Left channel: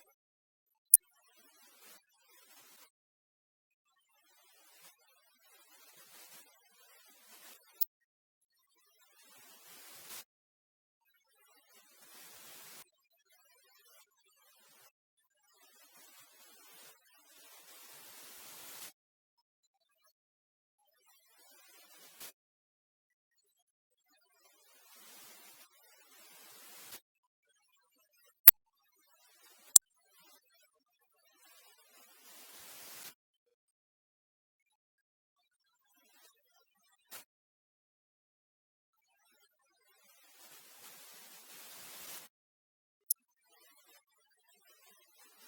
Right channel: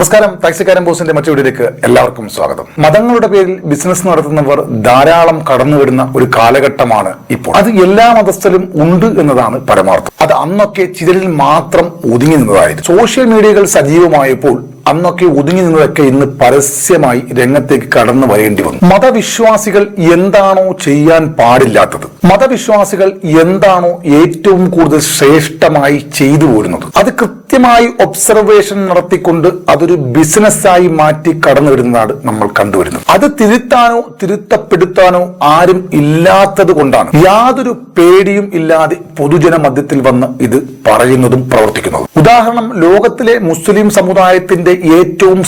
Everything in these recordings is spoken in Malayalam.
നമസ്കാരം. ടാക്സിക്കാരൻ ബോസിന്റെ മറ്റു വീഡിയോയിലേക്ക് എല്ലാവർക്കും സ്വാഗതം. മതങ്ങളുടെ പേരിൽ ബിസിനസ് നടത്തുന്നവർ ധാരാളം കടന്നു വരുന്ന ഒരു കാലഘട്ടമാണ് ഇപ്പോൾ. അത് എല്ലാ മതസ്ഥലും ഉണ്ട് എന്നതാണ് പരമാർത്ഥം. അത് അന്നൊക്കെ ചിതലിൽ മാത്രം ഒതുങ്ങി നിന്നതായിരുന്നു. സോഷ്യൽ മീഡിയകൾ സജീവമായപ്പോൾ അന്നൊക്കെ ഒതുങ്ങി നിന്നതൊക്കെ ഇന്ന് പരസ്യമായി രംഗത്തേക്ക് കടന്നു വരേണ്ടി വന്നു. മതവിശ്വാസികൾ എന്താണോ ചെയ്യാൻ പാടില്ലാത്തത്? മതവിശ്വാസികൾ എന്താണോ ഏറ്റവും കൂടുതൽ ശ്രേഷ്ഠമായി ചെയ്തു പോരുന്നത്? അത് കൃത്യമായി ഒബ്സർവേഷൻ നടത്തിക്കൊണ്ട് അതൊരു ബിസിനസ്സായി മാറ്റി കടന്നു വരുന്നതാണ് നമ്മൾ കണ്ടുവരുന്നത്. അത് തിരുത്താനോ തിരുത്തപ്പെടുത്താനോ ആരും ഇല്ലാത്തത് കൊണ്ടാണ്. യാതൊരു പേടിയും ഇല്ലാതെ പൊതുജന മധ്യത്തിൽ വന്ന് ഇത് പറയുന്നതും പ്രവർത്തിക്കുന്നതും. ഉദാഹരണം ലോകത്തിലെ മുസ്ലിം സമുദായത്തിന്റെ ഏറ്റവും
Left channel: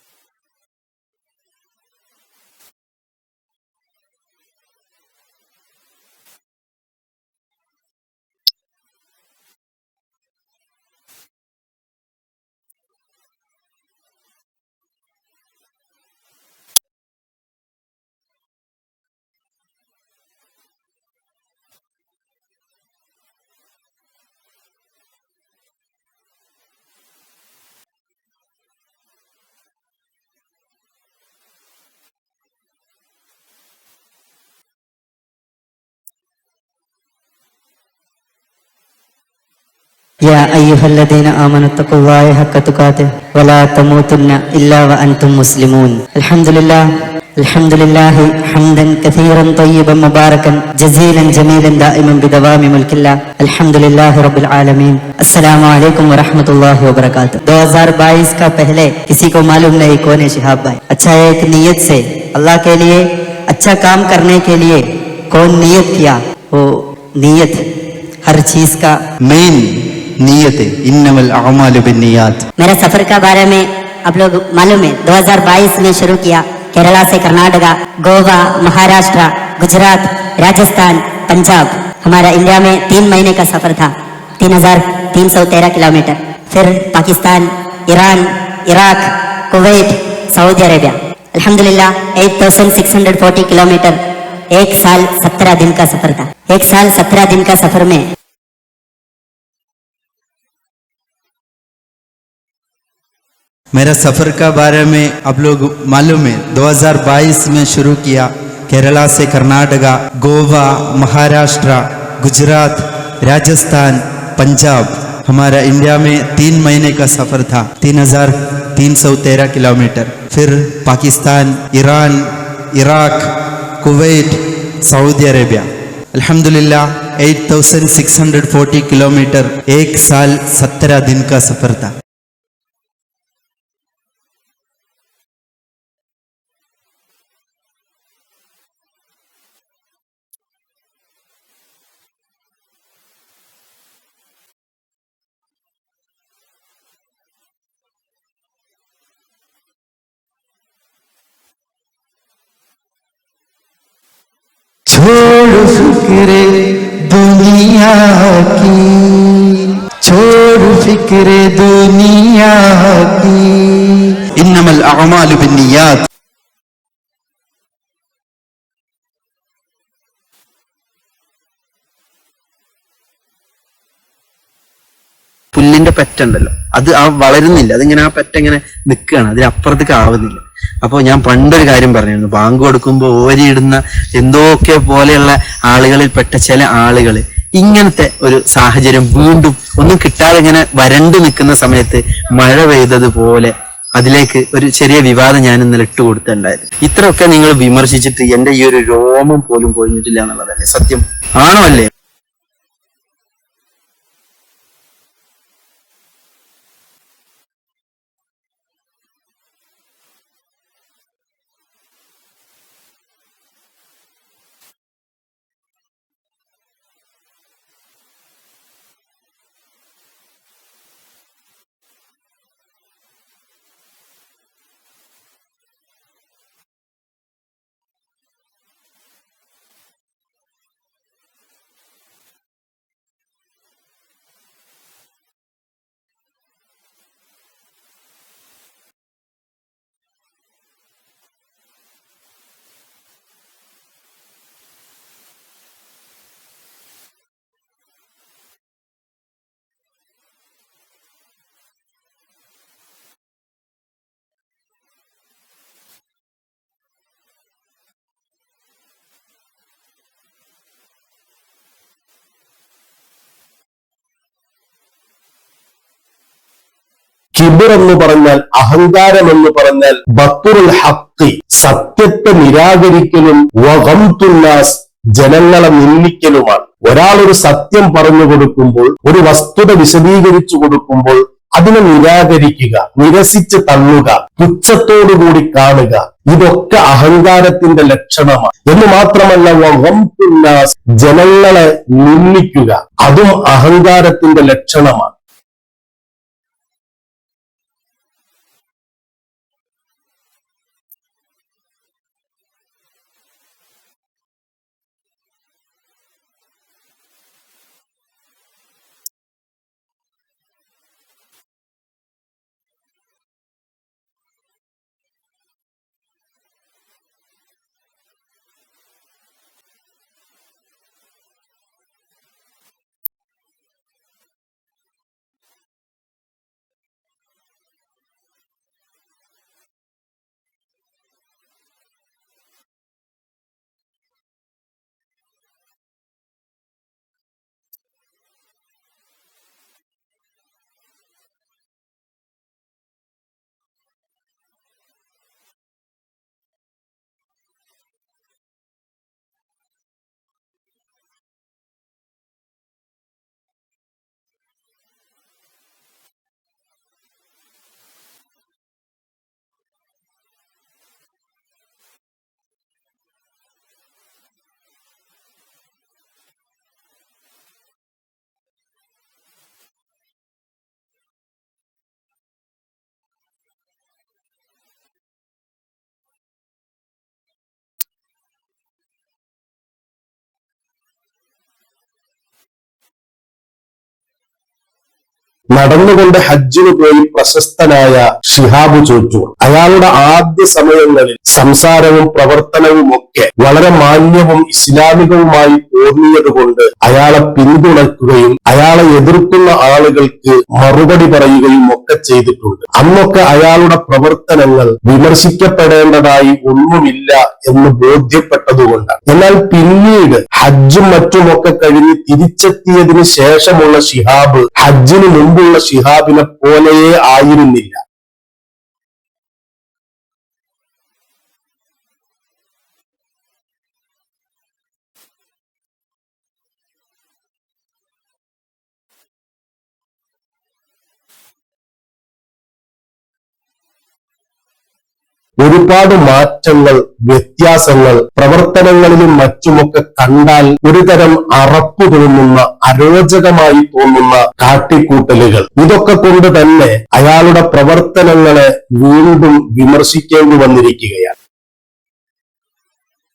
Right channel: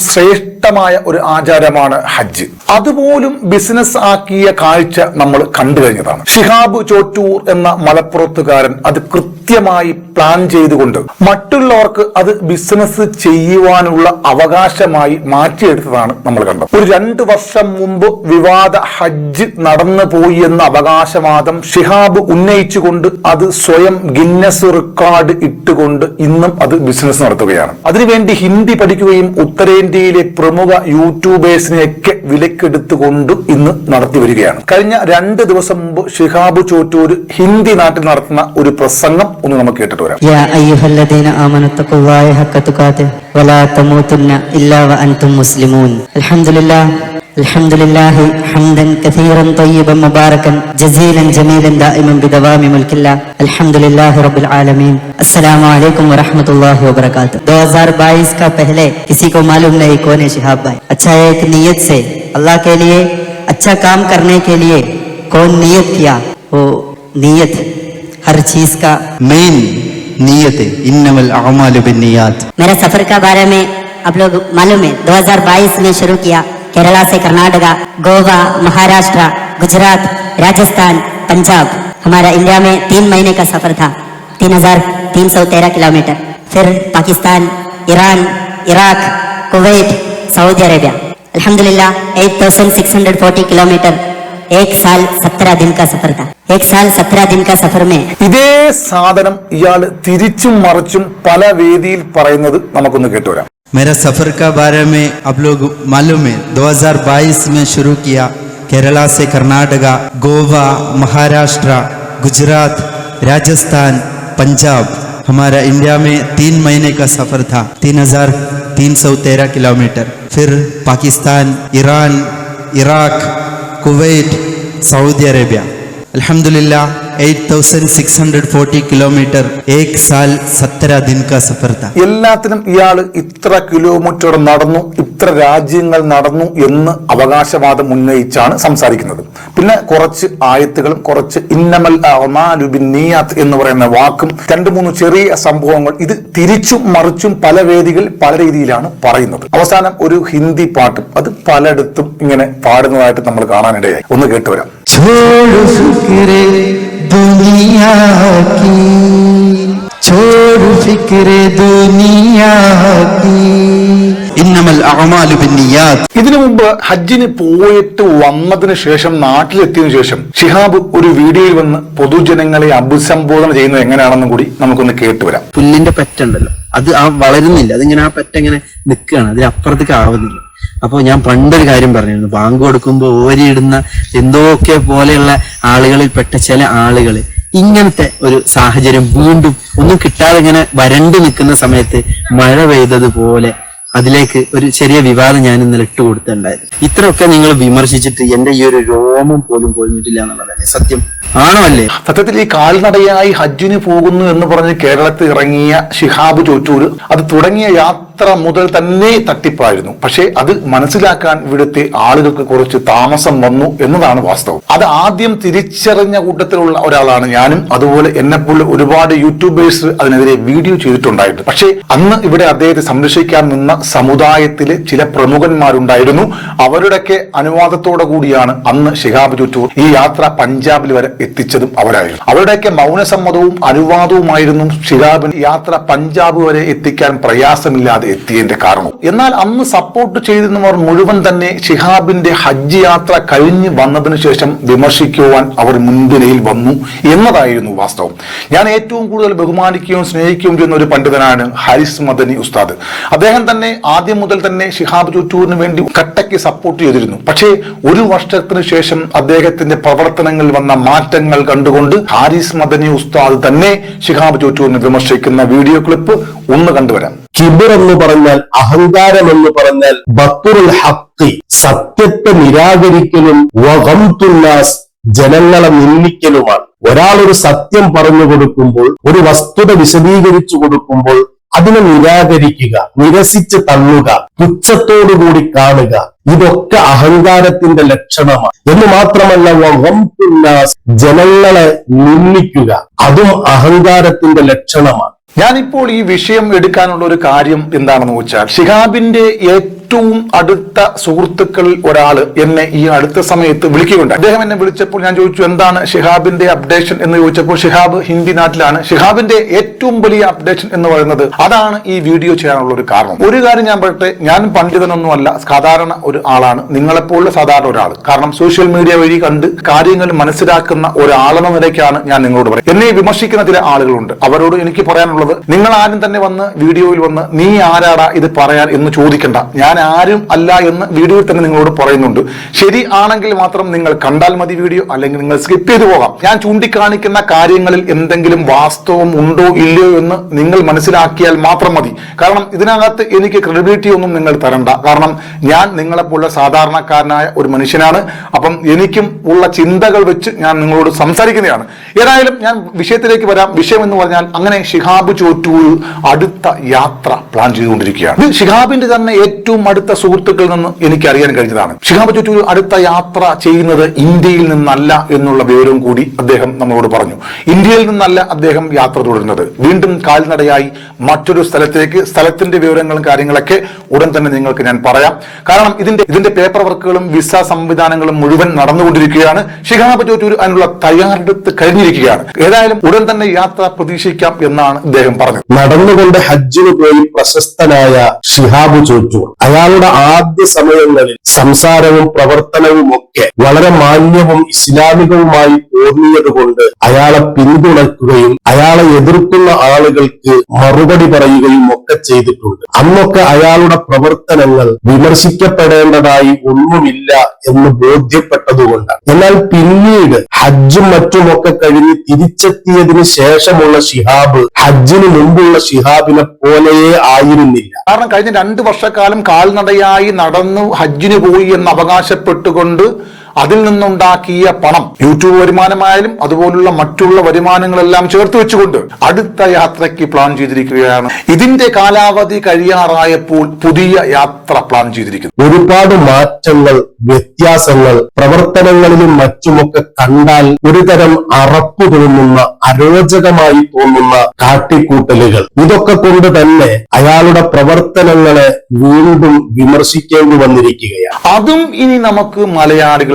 ശ്രേഷ്ഠമായ ഒരു ആചാരമാണ് ഹജ്ജ്. അതുപോലും ബിസിനസ് ആക്കിയ കാഴ്ച നമ്മൾ കണ്ടു കഴിഞ്ഞതാണ്. ഷിഹാബ് ചോറ്റൂർ എന്ന മലപ്പുറത്തുകാരൻ അത് കൃത്യമായി പ്ലാൻ ചെയ്തുകൊണ്ട് മറ്റുള്ളവർക്ക് അത് ബിസിനസ് ചെയ്യുവാനുള്ള അവകാശമായി മാറ്റിയെടുത്തതാണ് നമ്മൾ കണ്ടത്. ഒരു രണ്ട് വർഷം മുമ്പ് വിവാദ ഹജ്ജ് നടന്നു പോയി എന്ന അവകാശവാദം ഷിഹാബ് ഉന്നയിച്ചുകൊണ്ട് അത് സ്വയം ഗിന്നസ് റെക്കോർഡ് ഇട്ടുകൊണ്ട് ഇന്നും അത് ബിസിനസ് നടത്തുകയാണ്. അതിനുവേണ്ടി ഹിന്ദി പഠിക്കുകയും ഉത്തരേന്ത്യയിലെ പ്രമുഖ യൂട്യൂബേഴ്സിനെയൊക്കെ വിലക്കെടുത്തുകൊണ്ട് ഇന്ന് നടത്തി വരികയാണ്. കഴിഞ്ഞ രണ്ട് ദിവസം മുമ്പ് ഷിഹാബ് ചോറ്റൂര് ഹിന്ദി നാട്ടിൽ നടത്തുന്ന ഒരു പ്രസംഗം ഒന്ന് നമുക്ക് കേട്ടിട്ട് വരാം. الحمد لله حمدا كثيرا طيبا مباركا جزيلا جميلا دائما بدوام ملك الله الحمد لله رب العالمين السلام علیکم ورحمۃ اللہ وبرکاتہ دو ہزار بائیس کا پہلے کسی کو معلوم نہیں کون شہاب بھائی اچھا ایک نیت سے اللہ کے لیے اچھا کام کرنے کے لیے کون نیت کیا وہ نیت ہر چیز کا مین نیت انما الاعمال بالنیات میرا سفر کا بارے میں آپ لوگ معلوم ہے دو ہزار بائیس میں شروع کیا केरला से कर्नाटका गोवा महाराष्ट्र गुजरात राजस्थान पंजाब हमारा इंडिया में तीन महीने का सफर था तीन हजार तीन सौ तेरह किलोमीटर फिर Pakistan Iran Iraq Kuwait Saudi Arabia अल्हम्दुलिल्लाह 8640 किलोमीटर एक साल सत्रह दिन का सफर था एक साल सत्रह दिन का सफर में ഇതേ സാധനം ഇയാൾ തിരിച്ചും മറിച്ചും പല വേദിയിൽ പറയുന്നത് നമുക്കൊന്ന് കേട്ടുവരാം मेरा सफ़र का बारे में आप लोग मालूम है 2022 में शुरू किया केरला से कर्नाटका, गोवा, महाराष्ट्र, गुजरात, राजस्थान, पंजाब। हमारा इंडिया में तीन महीने का सफ़र था, तीन हज़ार तीन सौ तेरह किलोमीटर। फिर Pakistan, Iran, Iraq, Kuwait, Saudi Arabia. अल्हम्दुलिल्लाह eight thousand six hundred forty kilometre ഏക് സാൽ സത്തര ദിൻ കാ സഫർ താ എല്ലാത്തിനും ഇയാൾ ഇത്ര കിലോമീറ്റർ നടന്നു ഇത്ര രാജ്യങ്ങൾ നടന്നു എന്ന് അവകാശവാദം ഉന്നയിച്ചാണ് സംസാരിക്കുന്നത്. പിന്നെ കുറച്ച് ആയത്തുകളും കുറച്ച് ഇന്നമൽ നീയാത്ത് എന്ന് പറയുന്ന വാക്കും രണ്ട് മൂന്ന് ചെറിയ സംഭവങ്ങൾ ഇത് തിരിച്ചും മറിച്ചും പല വേദികൾ പല രീതിയിലാണ് പറയുന്നത്. അവസാനം ഒരു ഹിന്ദി പാട്ടും അത് പലയിടത്തും ഇങ്ങനെ പാടുന്നതായിട്ട് നമ്മൾ കാണാനിടയായി. ഒന്ന് കേട്ടുവരാം दुनिया की छोड़ फिक्रे दुनिया की इन्नमल अमाल बिन्नियात ഇതിനു മുമ്പ് ഹജ്ജിന് പോയിട്ട് വന്നതിന് ശേഷം നാട്ടിലെത്തിയതിനു ശേഷം ഷിഹാബ് ഒരു വീഡിയോയിൽ വന്ന് പൊതുജനങ്ങളെ അഭിസംബോധന ചെയ്യുന്നത് എങ്ങനെയാണെന്നും കൂടി നമുക്കൊന്ന് കേട്ടുവരാം പുല്ലിന്റെ പെറ്റുണ്ടല്ലോ അത് ആ വളരുന്നില്ല അതിങ്ങനെ ആ പെറ്റ ഇങ്ങനെ നിൽക്കുകയാണ് അതിനപ്പുറത്തേക്ക് ആവുന്നില്ല അപ്പൊ ഞാൻ പണ്ടൊരു കാര്യം പറഞ്ഞിരുന്നു. ബാങ്ക് കൊടുക്കുമ്പോൾ ഓരിയിടുന്ന എന്തൊക്കെ പോലെയുള്ള ആളുകളിൽ പെട്ട ചില ആളുകൾ ഇങ്ങനത്തെ ഒരു സാഹചര്യം വീണ്ടും ഒന്നും കിട്ടാതെ ഇങ്ങനെ വരണ്ടു നിൽക്കുന്ന സമയത്ത് മഴ പെയ്തതുപോലെ അതിലേക്ക് ഒരു ചെറിയ വിവാദം ഞാൻ ഇന്നലെ ഇട്ട് കൊടുത്തിട്ടുണ്ടായിരുന്നു. ഇത്രയൊക്കെ നിങ്ങൾ വിമർശിച്ചിട്ട് എന്റെ ഈ ഒരു രോമം പോലും കൊഴിഞ്ഞിട്ടില്ല എന്നുള്ളതല്ലേ സത്യം? ആണോ അല്ലേ? സത്യത്തിൽ ഈ കാൽനടയായി ഹജ്ജിന് പോകുന്നു എന്ന് പറഞ്ഞ് കേരളത്തിൽ ഇറങ്ങിയ ഷിഹാബ് ചോറ്റൂര് അത് തുടങ്ങിയ യാത്ര മുതൽ തന്നെ തട്ടിപ്പായിരുന്നു. പക്ഷേ അത് മനസ്സിലാക്കാൻ ഇവിടുത്തെ ആളുകൾക്ക് കുറച്ച് താമസം വന്നു എന്നതാണ് വാസ്തവം. അത് ആദ്യം തിരിച്ചറിഞ്ഞ കൂട്ടത്തിലുള്ള ഒരാളാണ് ഞാനും അതുപോലെ എന്നെപ്പോലെ ഒരുപാട് യൂട്യൂബേഴ്സ് അതിനെതിരെ വീഡിയോ ചെയ്തിട്ടുണ്ടായിരുന്നു. പക്ഷേ അന്ന് ഇവിടെ അദ്ദേഹത്തെ സംരക്ഷിക്കാൻ നിന്ന സമുദായത്തിലെ ചില പ്രമുഖന്മാരുണ്ടായിരുന്നു. അവരുടെയൊക്കെ അനുവാദത്തോടെ കൂടിയാണ് അന്ന് ഷിഹാബ് ചുറ്റൂർ ഈ യാത്ര പഞ്ചാബിൽ വരെ എത്തിച്ചതും അവരായിരുന്നു. അവരുടെയൊക്കെ മൗനസമ്മതവും അനുവാദവുമായിരുന്നു ഷിഹാബിന് യാത്ര പഞ്ചാബ് വരെ എത്തിക്കാൻ പ്രയാസമില്ലാതെ എത്തിയതിന്റെ കാരണം. എന്നാൽ അന്ന് സപ്പോർട്ട് ചെയ്തിരുന്നവർ മുഴുവൻ തന്നെ ഷിഹാബിന്റെ ഹജ്ജ് യാത്ര കഴിഞ്ഞ് വന്നതിന് ശേഷം വിമർശിക്കുവാൻ അവർ മുൻപിനയിൽ വന്നു എന്നതായിരുന്നു വാസ്തവം. ഞാൻ ഏറ്റവും കൂടുതൽ ബഹുമാനിക്കുകയും സ്നേഹിക്കുകയും ചെയ്യുന്ന ഒരു പണ്ഡിതനാണ് ഹാരിസ് മദനി ഉസ്താദ്. അദ്ദേഹം തന്നെ ആദ്യം മുതൽ തന്നെ ഷിഹാബ് ചുറ്റൂരിന് വേണ്ടി കട്ടയ്ക്ക് സപ്പോർട്ട് ചെയ്തിരുന്നു. പക്ഷേ ഒരു വർഷത്തിന് ശേഷം അദ്ദേഹത്തിന്റെ പ്രവർത്തനങ്ങളിൽ വന്ന മാറ്റങ്ങൾ കണ്ടുകൊണ്ട് ഹാരിസ് മദനി ഉസ്താദ് തന്നെ ഷിഹാബ് ചുറ്റൂരിനെ വിമർശിക്കുന്ന വീഡിയോ ക്ലിപ്പ് ഒന്ന് കണ്ടുവരാം. കിബിർ എന്ന് പറഞ്ഞാൽ അഹങ്കാരം എന്ന് പറഞ്ഞാൽ ബത്തുറുൽ ഹക്കി സത്യത്തെ നിരാകരിക്കലും വകംതുല്ലാസ് ജനങ്ങളെ നിന്ദിക്കലുമാണ്. ഒരാൾ ഒരു സത്യം പറഞ്ഞു കൊടുക്കുമ്പോൾ ഒരു വസ്തുത വിശദീകരിച്ചു കൊടുക്കുമ്പോൾ അതിനെ നിരാകരിക്കുക നിരസിച്ച് തള്ളുക പുച്ഛത്തോടുകൂടി കാണുക ഇതൊക്കെ അഹങ്കാരത്തിന്റെ ലക്ഷണമാണ്. എന്ന് മാത്രമല്ല വകംതുല്ലാസ് ജനങ്ങളെ നിന്ദിക്കുക അതും അഹങ്കാരത്തിന്റെ ലക്ഷണമാണ്. ഞാനിപ്പോൾ ഈ വിഷയം എടുക്കാനുള്ള ഒരു കാര്യം എന്താണെന്ന് വെച്ചാൽ ഷിഹാബിന്റെ അടുത്ത സുഹൃത്തുക്കളിൽ ഒരാൾ എന്നെ ഈ അടുത്ത സമയത്ത് വിളിക്കുകയുണ്ട് അദ്ദേഹം എന്നെ വിളിച്ചപ്പോൾ ഞാൻ ചോദിച്ചു എന്താണ് ഷിഹാബിന്റെ അപ്ഡേഷൻ എന്ന് ചോദിച്ചപ്പോൾ ഷിഹാബ് ഹിന്ദി നാട്ടിലാണ്. ഷിഹാബിന്റെ ഏറ്റവും വലിയ അപ്ഡേഷൻ എന്ന് പറയുന്നത് അതാണ് ഈ വീഡിയോ ചെയ്യാനുള്ള ഒരു കാരണം. ഒരു കാര്യം ഞാൻ പറയട്ടെ ഞാൻ പണ്ഡിതനൊന്നുമല്ല സാധാരണ ഒരു ആളാണ്. നിങ്ങളെപ്പോലുള്ള സാധാരണ ഒരാൾ. കാരണം സോഷ്യൽ മീഡിയ വഴി കണ്ട് കാര്യങ്ങൾ മനസ്സിലാക്കുന്ന ഒരാളെന്ന നിലയ്ക്കാണ് ഞാൻ നിങ്ങളോട് പറയുന്നത്. എന്നെ വിമർശിക്കുന്ന ചില ആളുകളുണ്ട്. അവരോട് എനിക്ക് പറയാനുള്ളത് നിങ്ങൾ ആരും തന്നെ വന്ന് വീഡിയോയിൽ വന്ന് നീ ആരാടാ ഇത് പറയാൻ എന്ന് ചോദിക്കണ്ട. ഞാൻ ആരും അല്ല എന്ന് വീഡിയോയിൽ തന്നെ നിങ്ങളോട് പറയുന്നുണ്ട്. ശരി ആണെങ്കിൽ മാത്രം നിങ്ങൾ കണ്ടാൽ മതി വീഡിയോ അല്ലെങ്കിൽ നിങ്ങൾ സ്കിപ്പ് ചെയ്തു പോകാം. ഞാൻ ചൂണ്ടിക്കാണിക്കുന്ന കാര്യങ്ങളിൽ എന്തെങ്കിലും വാസ്തവം ഉണ്ടോ ഇല്ലയോ എന്ന് നിങ്ങൾ മനസ്സിലാക്കിയാൽ മാത്രം മതി. കാരണം ഇതിനകത്ത് എനിക്ക് ക്രെഡിബിലിറ്റി ഒന്നും നിങ്ങൾ തരണ്ട. കാരണം ഞാൻ നിങ്ങളെപ്പോലുള്ള സാധാരണക്കാരനായ ഒരു മനുഷ്യനാണ്. അപ്പം എനിക്കും ഉള്ള ചിന്തകൾ വെച്ച് ഞാൻ നിങ്ങളോട് സംസാരിക്കുന്നതാണ്. ഏതായാലും ഞാൻ വിഷയത്തിലേക്ക് വരാം. വിഷയം എന്ന് പറഞ്ഞാൽ അങ്ങനെ ഷിഹാബ് ചോറ്റൂർ അടുത്ത യാത്ര പ്ലാൻ ചെയ്തുകൊണ്ടിരിക്കുകയാണ്. ഷിഹാബിന്റെ തന്നെ ഏറ്റവും അടുത്ത സുഹൃത്തുക്കളിൽ നിന്ന് എനിക്ക് അറിയാൻ കഴിഞ്ഞതാണ്. ഷിഹാബ് ചുറ്റൂർ അടുത്ത യാത്ര ചെയ്യുന്നത് ഇന്ത്യയിൽ നിന്നല്ല എന്നുള്ള വിവരവും കൂടി അദ്ദേഹം നമ്മളോട് പറഞ്ഞു. ഇന്ത്യയിൽ നിന്നല്ല അദ്ദേഹം യാത്ര തുടരുന്നത്. വീണ്ടും കാൽനടയായി മറ്റൊരു സ്ഥലത്തേക്ക് സ്ഥലത്തിന്റെ വിവരങ്ങളും കാര്യങ്ങളൊക്കെ ഉടൻ തന്നെ നിങ്ങൾക്ക് ഞാൻ പറയാം. കാരണം ഇതിന്റെ ഇതിന്റെ പേപ്പർ വർക്കുകളും വിസ സംവിധാനങ്ങളും മുഴുവൻ നടന്നുകൊണ്ടിരിക്കുകയാണ്. ഷിഹാബ് ചുറ്റൂർ അതിനുള്ള തയ്യാറെടുത്ത് കഴിഞ്ഞിരിക്കുകയാണ്. ഏതായാലും ഉടൻ തന്നെ യാത്ര പ്രതീക്ഷിക്കാം എന്നാണ് അദ്ദേഹം പറഞ്ഞത്. നടന്നുകൊണ്ട് ഹജ്ജിന് പോയി പ്രശസ്തനായ ഷിഹാബ് ചോറ്റൂർ അയാളുടെ ആദ്യ സമയങ്ങളിൽ സംസാരവും പ്രവർത്തനവും ഒക്കെ വളരെ മാന്യവും ഇസ്ലാമികവുമായി തോന്നിയത് കൊണ്ട് അയാളെ പിന്തുണയ്ക്കുകയും അയാളെ എതിർക്കുന്ന ആളുകൾക്ക് മറുപടി പറയുകയും ഒക്കെ ചെയ്തിട്ടുണ്ട്. അന്നൊക്കെ അയാളുടെ പ്രവർത്തനങ്ങൾ വിമർശിക്കപ്പെടേണ്ടതായി ഒന്നുമില്ല എന്ന് ബോധ്യപ്പെട്ടതുകൊണ്ടാണ് എന്നാൽ പിന്നീട് ഹജ്ജും മറ്റുമൊക്കെ കഴിഞ്ഞ് തിരിച്ചെത്തിയതിന് ശേഷമുള്ള ഷിഹാബ് ഹജ്ജിന് മുമ്പുള്ള ഷിഹാബിനെ പോലെയേ ആയിരുന്നില്ല. കാരണം കഴിഞ്ഞ രണ്ട് വർഷക്കാലം കാൽനടയായി നടന്നു ഹജ്ജിന് പോയി എന്ന് അവകാശപ്പെട്ടുകൊണ്ട് അതിൽ നിന്നുണ്ടാക്കിയ പണം യൂട്യൂബ് വരുമാനമായാലും അതുപോലുള്ള മറ്റുള്ള വരുമാനങ്ങളെല്ലാം ചേർത്ത് വെച്ചുകൊണ്ട് അടുത്ത യാത്രയ്ക്ക് പ്ലാൻ ചെയ്തിരിക്കുകയാണ്. ഇതിന്റെ കാലാവധി കഴിയാറായപ്പോൾ പുതിയ യാത്ര പ്ലാൻ ചെയ്തിരിക്കുന്നു. ഒരുപാട് മാറ്റങ്ങൾ വ്യത്യാസങ്ങൾ പ്രവർത്തനങ്ങളിലും മറ്റുമൊക്കെ കണ്ടാൽ ഒരുതരം അറപ്പ് തോന്നുന്ന അരോചകമായി തോന്നുന്ന കാട്ടിക്കൂട്ടലുകൾ. ഇതൊക്കെ കൊണ്ട് തന്നെ അയാളുടെ പ്രവർത്തനങ്ങളെ വീണ്ടും വിമർശിക്കേണ്ടി വന്നിരിക്കുകയാണ്. അതും ഇനി നമുക്ക്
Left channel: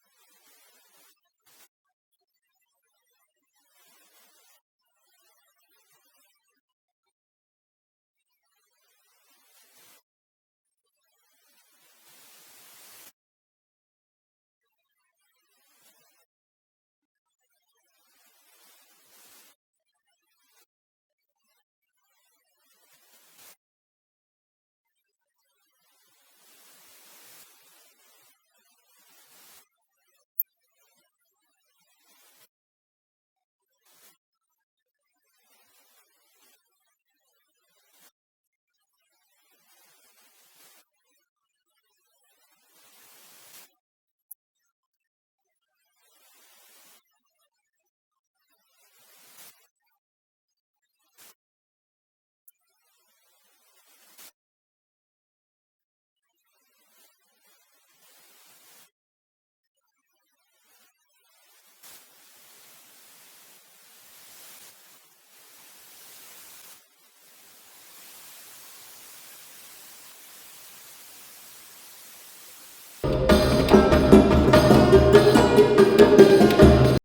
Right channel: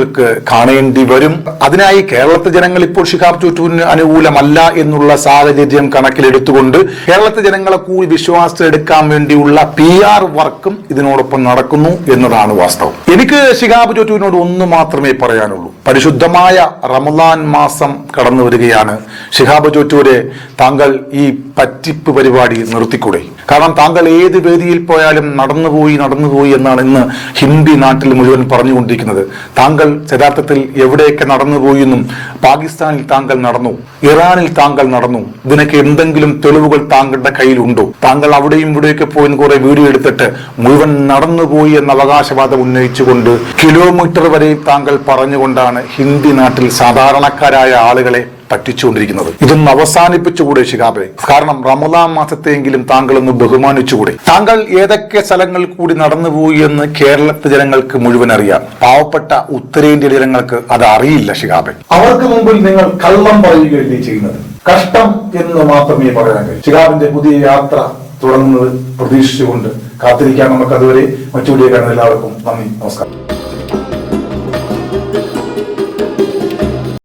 മലയാളികൾക്ക് കാണേണ്ടി വരും. അതിനായി കേരളത്തെ ജനങ്ങൾ ഇപ്പോൾ ഷിഹാബ് ചുറ്റൂരിന് അനുകൂലമല്ല എന്നുള്ള സാഹചര്യം കണക്കിലെടുത്തുകൊണ്ട് കേരളത്തെ ജനങ്ങളെ കൂടി വിശ്വാസത്തിലെടുക്കാൻ വേണ്ടിയുള്ള പി ആർ വർക്കും ഇതിനോടൊപ്പം നടക്കുന്നു എന്നതാണ് വാസ്തവം. എനിക്ക് ഷിഹാബ് ചുറ്റൂരിനോട് ഒന്ന് മാത്രമേ പറയാനുള്ളൂ. പരിശുദ്ധമായ റമദാൻ മാസം കടന്നു വരികയാണ്. ഷിഹാബ് ചുറ്റൂരെ താങ്കൾ ഈ പറ്റിപ്പ് പരിപാടി നിർത്തിക്കൂടെ? കാരണം താങ്കൾ ഏത് വേദിയിൽ പോയാലും നടന്നുപോയി നടന്നുപോയി എന്നാണ് ഇന്ന് ഹിന്ദി നാട്ടിൽ മുഴുവൻ പറഞ്ഞുകൊണ്ടിരിക്കുന്നത്. താങ്കൾ യഥാർത്ഥത്തിൽ എവിടെയൊക്കെ നടന്നുപോയി എന്നും പാകിസ്ഥാനിൽ താങ്കൾ നടന്നു ഇറാനിൽ താങ്കൾ നടന്നു ഇതിനൊക്കെ എന്തെങ്കിലും തെളിവുകൾ താങ്കളുടെ കയ്യിലുണ്ടോ? താങ്കൾ അവിടെയും ഇവിടെയൊക്കെ പോയി കുറെ വീഡിയോ എടുത്തിട്ട് മുഴുവൻ നടന്നുപോയി എന്ന അവകാശവാദം ഉന്നയിച്ചുകൊണ്ട് കിലോമീറ്റർ വരെ താങ്കൾ പറഞ്ഞുകൊണ്ടാണ് ഹിന്ദി നാട്ടിൽ സാധാരണക്കാരായ ആളുകളെ പറ്റിച്ചുകൊണ്ടിരിക്കുന്നത്. ഇതൊന്ന് അവസാനിപ്പിച്ചുകൂടെ ശിഖാബെ കാരണം റമദാൻ മാസത്തെയെങ്കിലും താങ്കൾ ഒന്ന് ബഹുമാനിച്ചുകൂടെ. താങ്കൾ ഏതൊക്കെ സ്ഥലങ്ങൾ കൂടി നടന്നുപോയി എന്ന് കേരളത്തിലെ ജനങ്ങൾക്ക് മുഴുവൻ അറിയാം. പാവപ്പെട്ട ഉത്തരേന്ത്യ ജനങ്ങൾക്ക് അത് അറിയില്ല ശിഖാബെ അവർക്ക് മുമ്പിൽ നിങ്ങൾ കള്ളം പറയുകയല്ലേ ചെയ്യുന്നത്? കഷ്ടം എന്ന് മാത്രമേ പറയാൻ കഴിയൂ. ശിഖാബിന്റെ പുതിയ യാത്ര തുടങ്ങുന്നത് പ്രതീക്ഷിച്ചുകൊണ്ട് കാത്തിരിക്കാൻ നമുക്ക് അതുവരെ മറ്റു വീഡിയോ എല്ലാവർക്കും നന്ദി. നമസ്കാരം.